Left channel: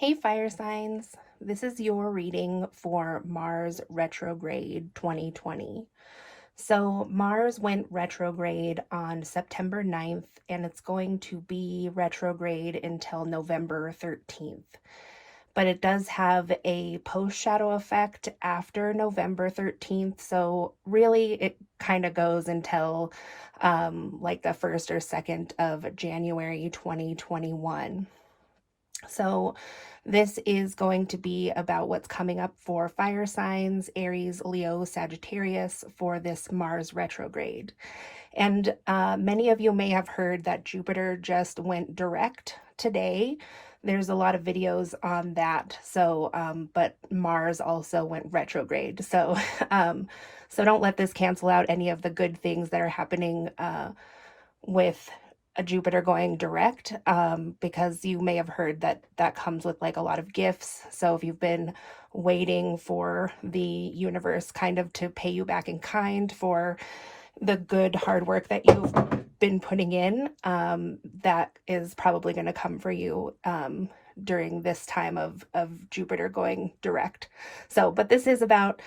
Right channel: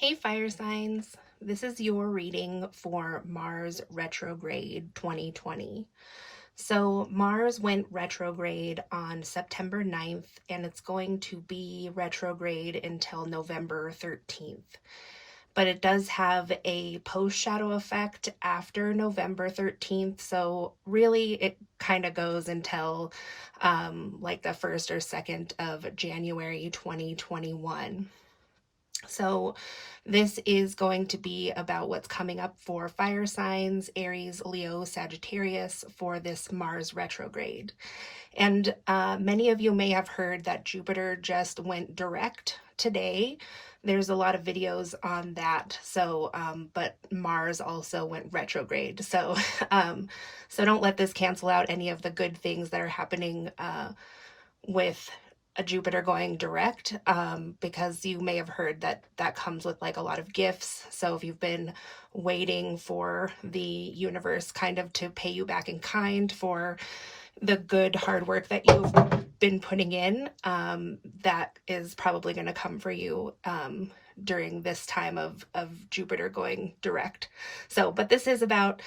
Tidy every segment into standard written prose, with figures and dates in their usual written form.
Hey fire signs, this is your reading for Mars retrograde 2020. So Mars went retrograde on September 9th and it's going to be retrograde until November 13th. But it does have a post shadow effect after November 13th. So really it kind of goes until like the 1st or 2nd of January 2021. So this is going to be about what's coming up for fire signs, Aries, Leo, Sagittarius for this Mars retrograde. And many of you may have heard that Jupiter just went direct today. There's a lot of videos on that. So, but Mars also went retrograde. So, so don't let this cancel out any of the good things that are happening with a Jupiter going direct, because you may have heard that that comes with like a lot of gifts. So if you've been waiting for the universe kind of to pay you back in kind for the good hard work that you've been putting in, that is probably going to come for you during this time of Jupiter going direct. So, but this is about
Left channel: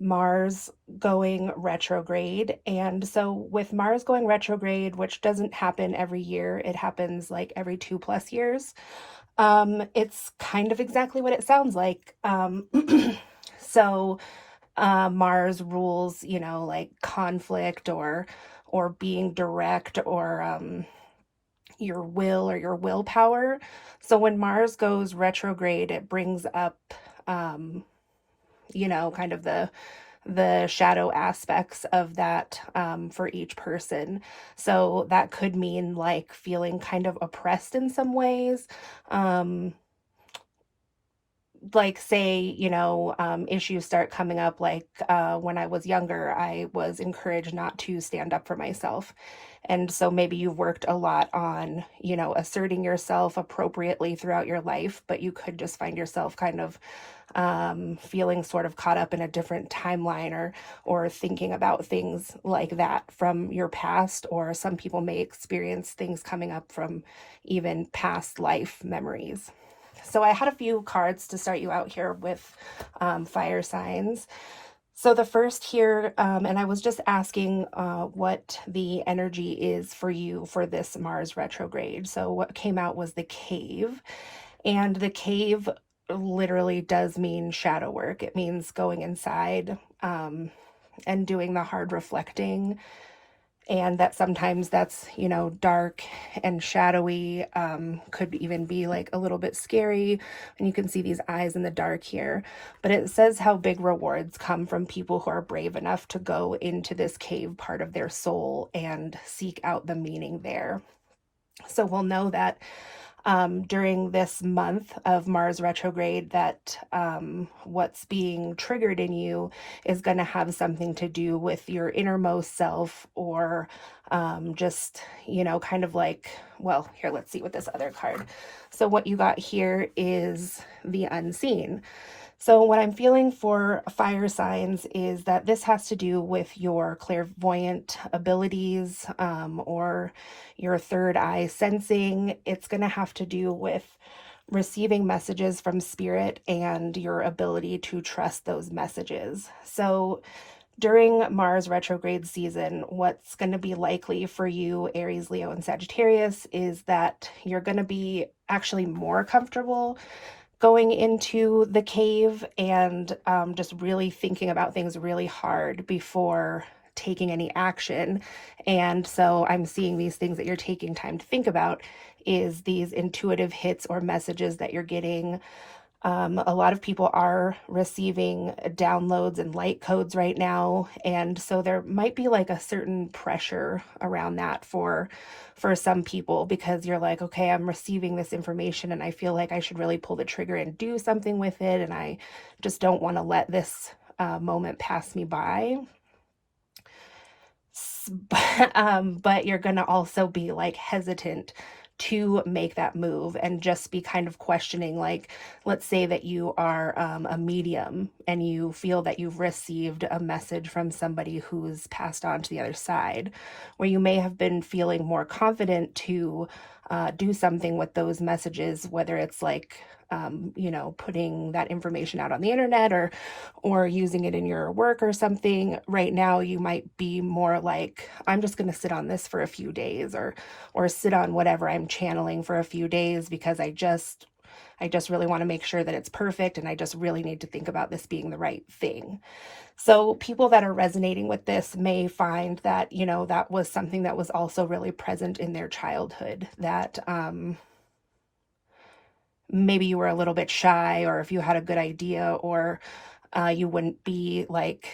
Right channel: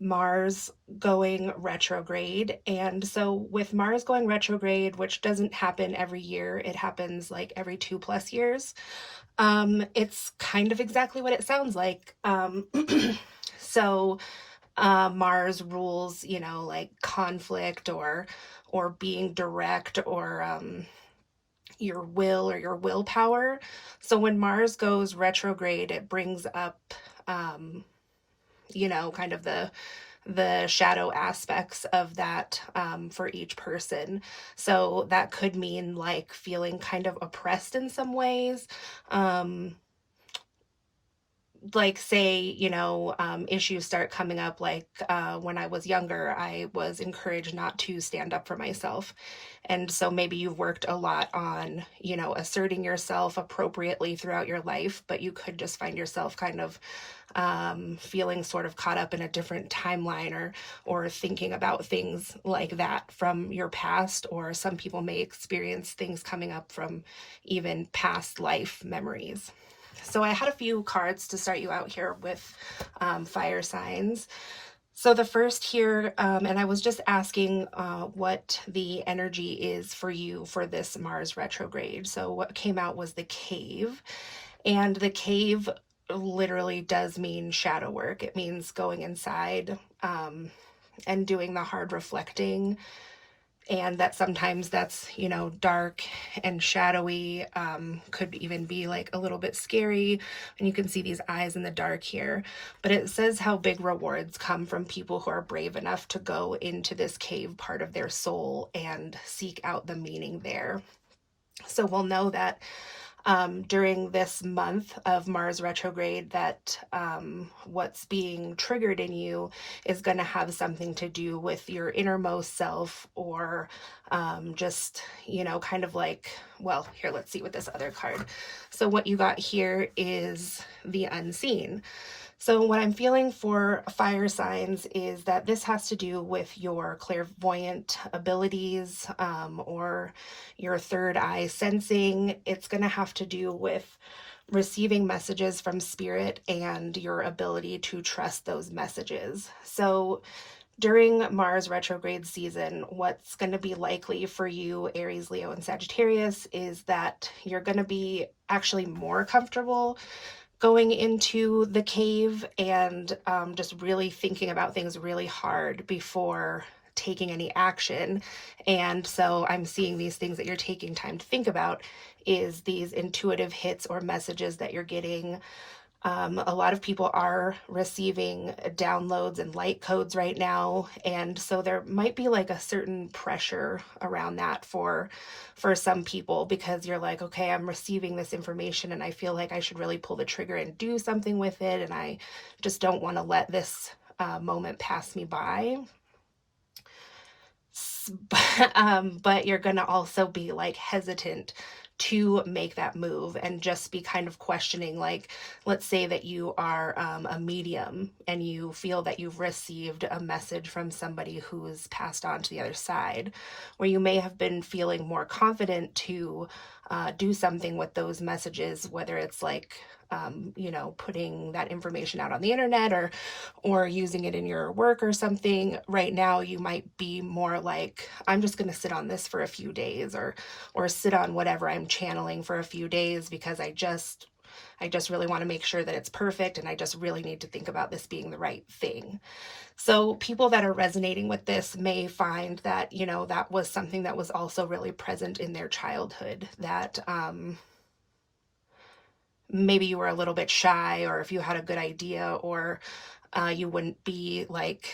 Mars going retrograde. And so with Mars going retrograde, which doesn't happen every year, it happens like every 2+ years. It's kind of exactly what it sounds like. So Mars rules, like conflict or being direct or your will or your willpower. So when Mars goes retrograde, it brings up kind of the shadow aspects of that for each person. So that could mean like feeling kind of oppressed in some ways. Like say issues start coming up, like when I was younger I was encouraged not to stand up for myself, and so maybe you've worked a lot on asserting yourself appropriately throughout your life, but you could just find yourself kind of feeling sort of caught up in a different timeline, or thinking about things like that from your past, or some people may experience things coming up from even past life memories. So I had a few cards to start you out here with fire signs. So the first here, and I was just asking what the energy is for you for this Mars retrograde. So what came out was the cave, and the cave literally does mean shadow work. It means going inside and doing the hard reflecting, and that sometimes that's dark and shadowy, could even be like a little bit scary, and you can see these eyes in the dark here. But it says how big rewards come from people who are brave enough to go into this cave part of their soul and seek out the meaning there. So we'll know that during this month of Mars retrograde, that what's being triggered in you is going to have something to do with your innermost self, or just, kind of like, well, here, let's see with this other card. So what you got here is the unseen. So what I'm feeling for fire signs is that this has to do with your clairvoyant abilities, or your third eye sensing. It's going to have to do with receiving messages from spirit and your ability to trust those messages. So during Mars retrograde season, what's going to be likely for you, Aries, Leo, and Sagittarius, is that you're going to be actually more comfortable going into the cave and just really thinking about things really hard before taking any action. And so I'm seeing these things that you're taking time to think about is these intuitive hits or messages that you're getting. A lot of people are receiving downloads and light codes right now, and so there might be like a certain pressure around that for some people, because you're like, okay, I'm receiving this information and I feel like I should really pull the trigger and do something with it, and I just don't want to let this moment pass me by. But you're going to also be like hesitant to make that move and just be kind of questioning, like, let's say that you are a medium and you feel that you've received a message from somebody who's passed on to the other side, where you may have been feeling more confident to do something with those messages, whether it's like, you know, putting that information out on the internet, or using it in your work or something. Right now, you might be more like, I'm just going to sit on this for a few days, or sit on whatever I'm channeling for a few days, because I just really want to make sure that it's perfect, and I just really need to think about this being the right thing. So people that are resonating with this may find that, you know, that was something that was also really present in their childhood, that maybe you were a little bit shy, or if you had a good idea, or you wouldn't be like,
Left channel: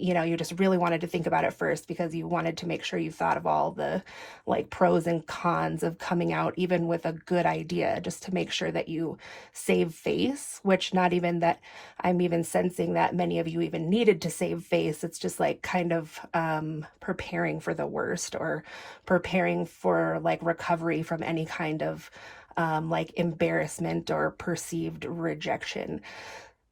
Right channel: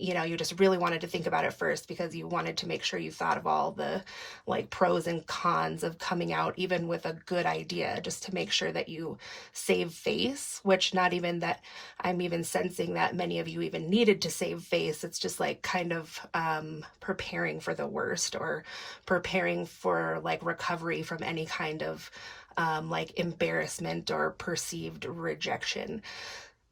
you know, you just really wanted to think about it first because you wanted to make sure you thought of all the like pros and cons of coming out even with a good idea, just to make sure that you save face, which not even that I'm even sensing that many of you even needed to save face. It's just like kind of preparing for the worst, or preparing for like recovery from any kind of like embarrassment or perceived rejection.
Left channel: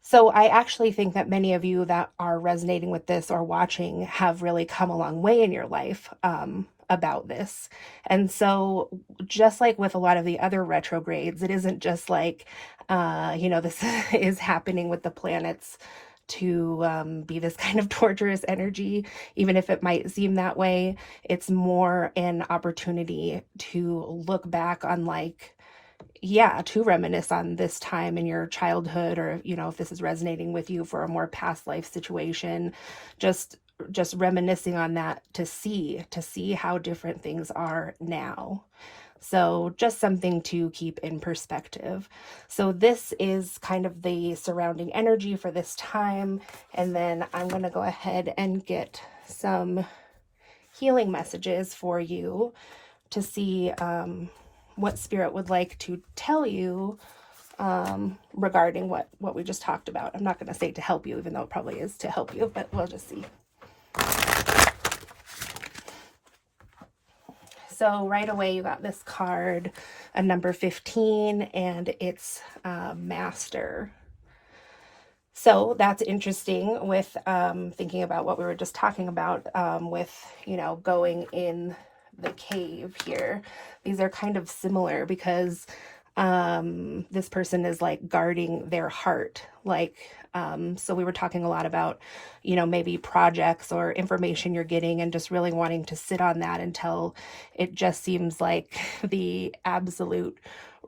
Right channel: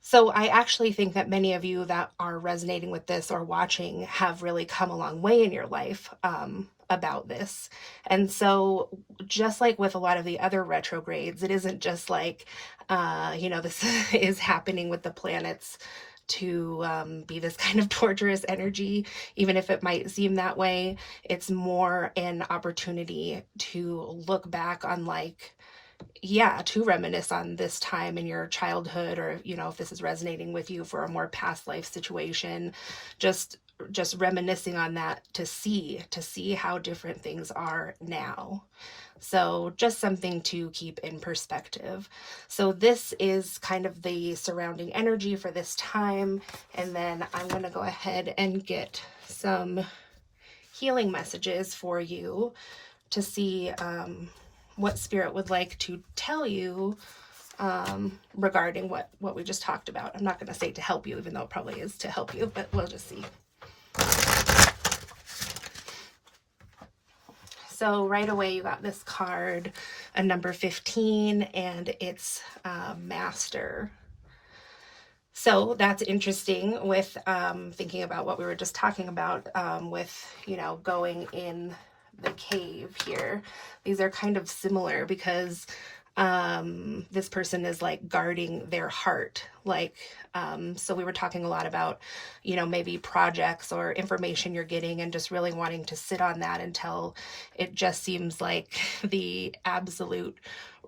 So I actually think that many of you that are resonating with this or watching have really come a long way in your life about this. And so just like with a lot of the other retrogrades, it isn't just like, you know, this is happening with the planets to be this kind of torturous energy, even if it might seem that way. It's more an opportunity to look back on, like, yeah, to reminisce on this time in your childhood, or, you know, if this is resonating with you for a more past life situation, just reminiscing on that to see how different things are now. So just something to keep in perspective. So this is kind of the surrounding energy for this time. And then I'm going to go ahead and get some healing messages for you to see what Spirit would like to tell you regarding what we just talked about. I'm not going to say to help you, even though it probably is to help you, but we'll just see. So right away you got this card, a number 15, and it's Master. So that's interesting with thinking about what we were just talking about with, you know, going in the cave here. These are kind of similar because this person is like guarding their heart. Like, so we were talking a lot about, you know, maybe projects or information you're getting and just really wanting to sit on that until it just seems like the absolute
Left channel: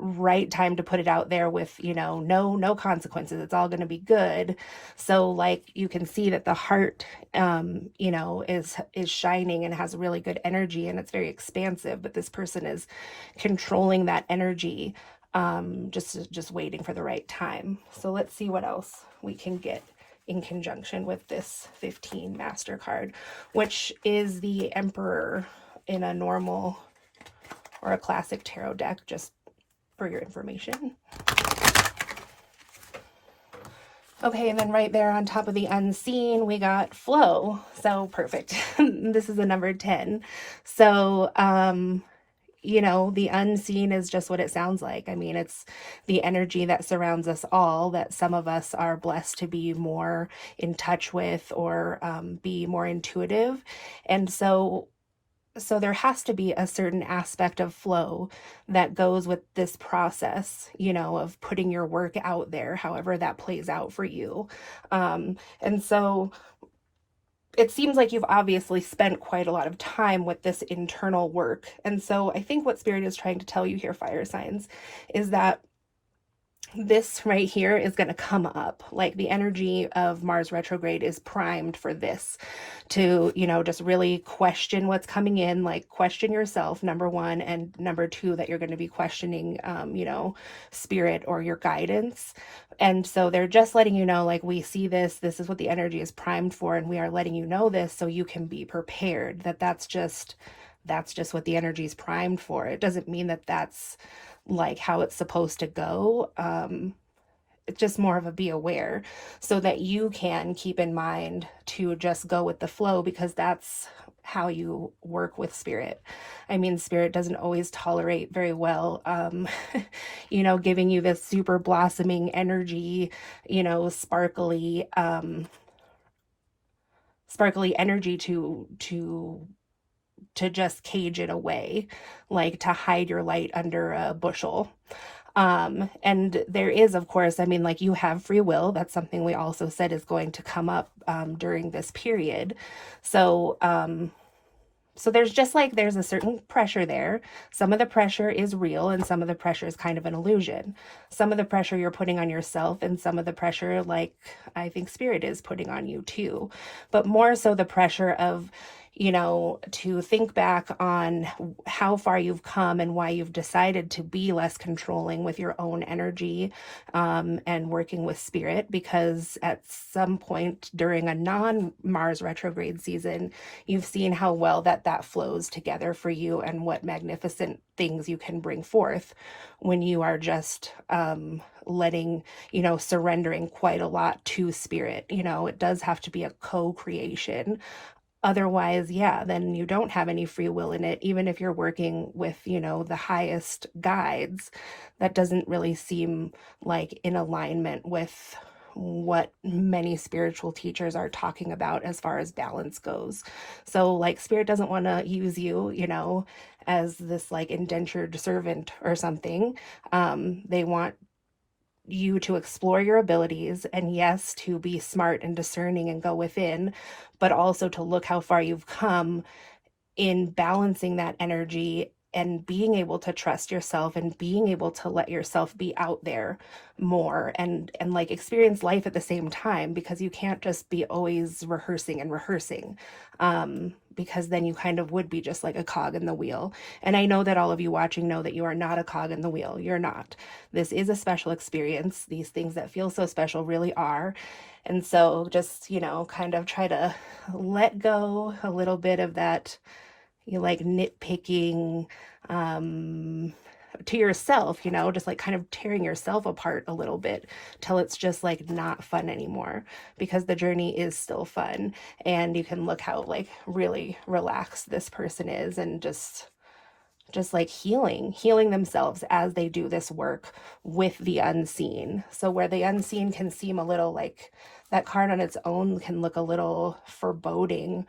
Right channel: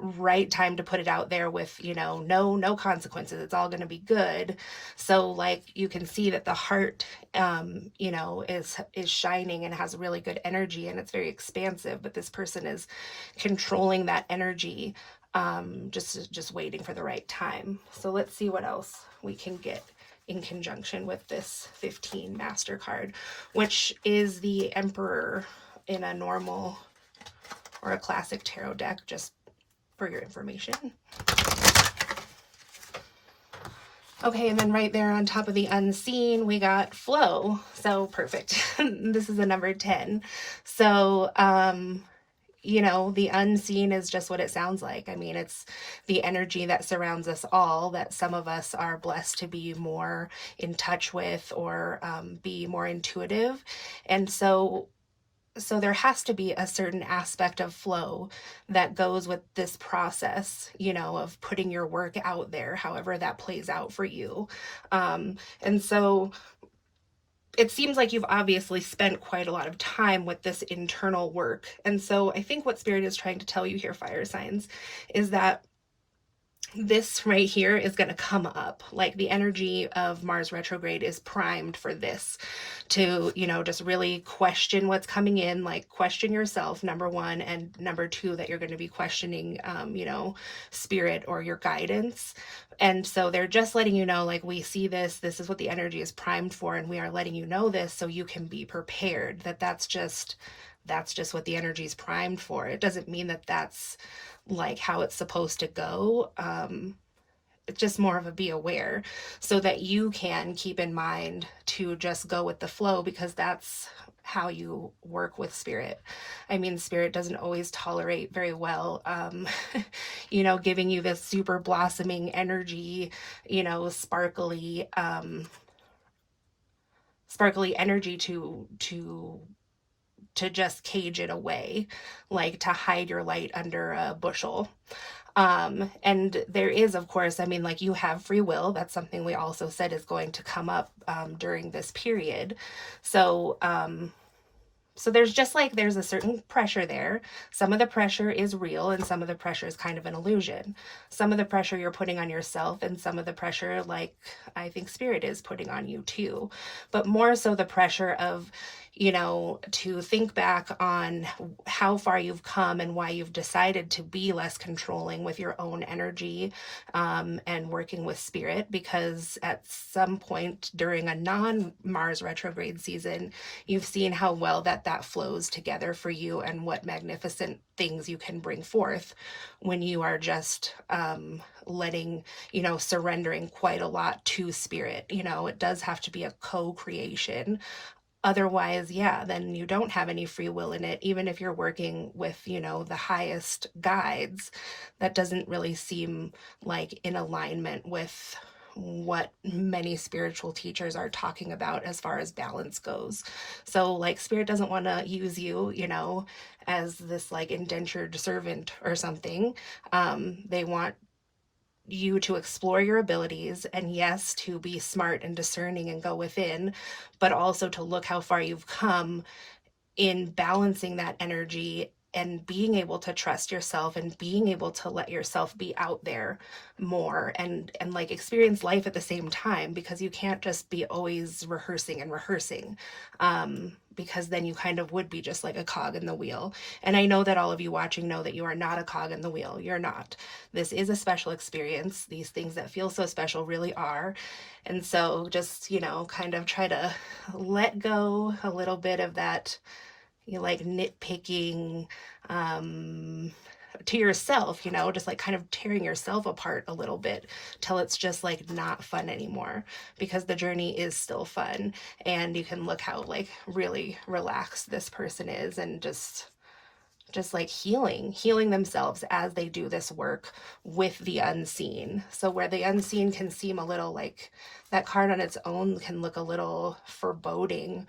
right time to put it out there with, you know, no consequences. It's all going to be good. So like you can see that the heart, you know, is shining and has really good energy, and it's very expansive, but this person is controlling that energy, just waiting for the right time. So let's see what else we can get in conjunction with this 15 Master card, which is the Emperor in a normal or a classic tarot deck, just for your information. Okay, and then right there on top of the unseen, we got flow. So perfect. This is a number 10. So, you know, the unseen is just what it sounds like. I mean, it's the energy that surrounds us all, that some of us are blessed to be more in touch with, or be more intuitive. And so there has to be a certain aspect of flow that goes with this process, you know, of putting your work out there, however that plays out for you. And so it seems like you've obviously spent quite a lot of time with this internal work. And so I think what Spirit is trying to tell you here, fire signs, is that this right here is going to come up. Like the energy of Mars retrograde is primed for this, to, you know, just really question what's coming in, like question yourself, number one, and number two, that you're going to be questioning, you know, Spirit or your guidance. And so they're just letting you know, like, we see this is what the energy is primed for, and we are letting you know this so you can be prepared, that's just what the energy is primed for. It doesn't mean that that's like how it's supposed to go. It's just more of a be aware, so that you can keep in mind to just go with the flow, because that's how you work with Spirit. I mean, Spirit doesn't always tolerate very well, you know, giving you this super blossoming energy, you know, sparkly energy to to just cage it away, like to hide your light under a bushel. And there is, of course, I mean, like you have free will. That's something we also said is going to come up during this period. So, so there's just like there's a certain pressure there. Some of the pressure is real and some of the pressure is kind of an illusion. Some of the pressure you're putting on yourself and some of the pressure, like I think spirit is putting on you too. But more so the pressure of, you know, to think back on how far you've come and why you've decided to be less controlling with your own energy, and working with spirit, because at some point during a non-Mars retrograde season, you've seen how well that flows together for you and what magnificent things you can bring forth when you are just letting, you know, surrendering quite a lot to spirit. You know, it does have to be a co-creation. Otherwise, yeah, then you don't have any free will in it. Even if you're working with, you know, the highest guides, that doesn't really seem like in alignment with what many spiritual teachers are talking about as far as balance goes. So like spirit doesn't want to use you, you know, as this like indentured servant or something. They want you to explore your abilities, and yes, to be smart and discerning and go within, but also to look how far you've come in balancing that energy and being able to trust yourself and being able to let yourself be out there more and like experience life at the same time, because you can't just be always rehearsing and rehearsing, because then you kind of would be just like a cog in the wheel. And I know that all of you watching know that you are not a cog in the wheel. You're not. This is a special experience. These things that feel so special really are. And so just, you know, kind of try to let go a little bit of that, you like nitpicking, to yourself, you know, just like kind of tearing yourself apart a little bit till it's just like not fun anymore, because the journey is still fun. And you can look how like really relaxed this person is, and just like healing themselves as they do this work with the unseen. So where the unseen can seem a little like, that card on its own can look a little foreboding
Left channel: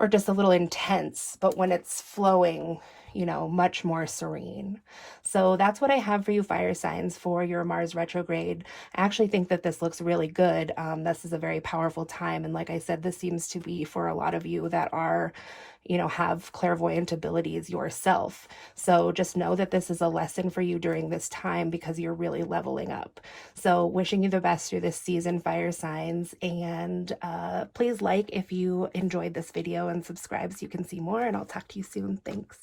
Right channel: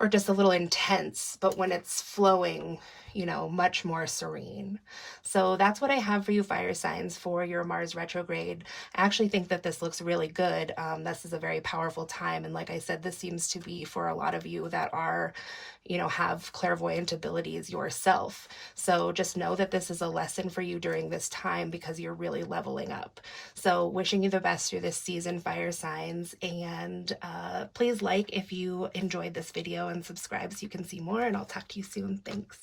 or just a little intense, but when it's flowing, you know, much more serene. So that's what I have for you, fire signs, for your Mars retrograde. I actually think that this looks really good. This is a very powerful time. And like I said, this seems to be for a lot of you that are, you know, have clairvoyant abilities yourself. So just know that this is a lesson for you during this time, because you're really leveling up. So wishing you the best through this season, fire signs. And please like if you enjoyed this video and subscribe so you can see more. And I'll talk to you soon. Thanks.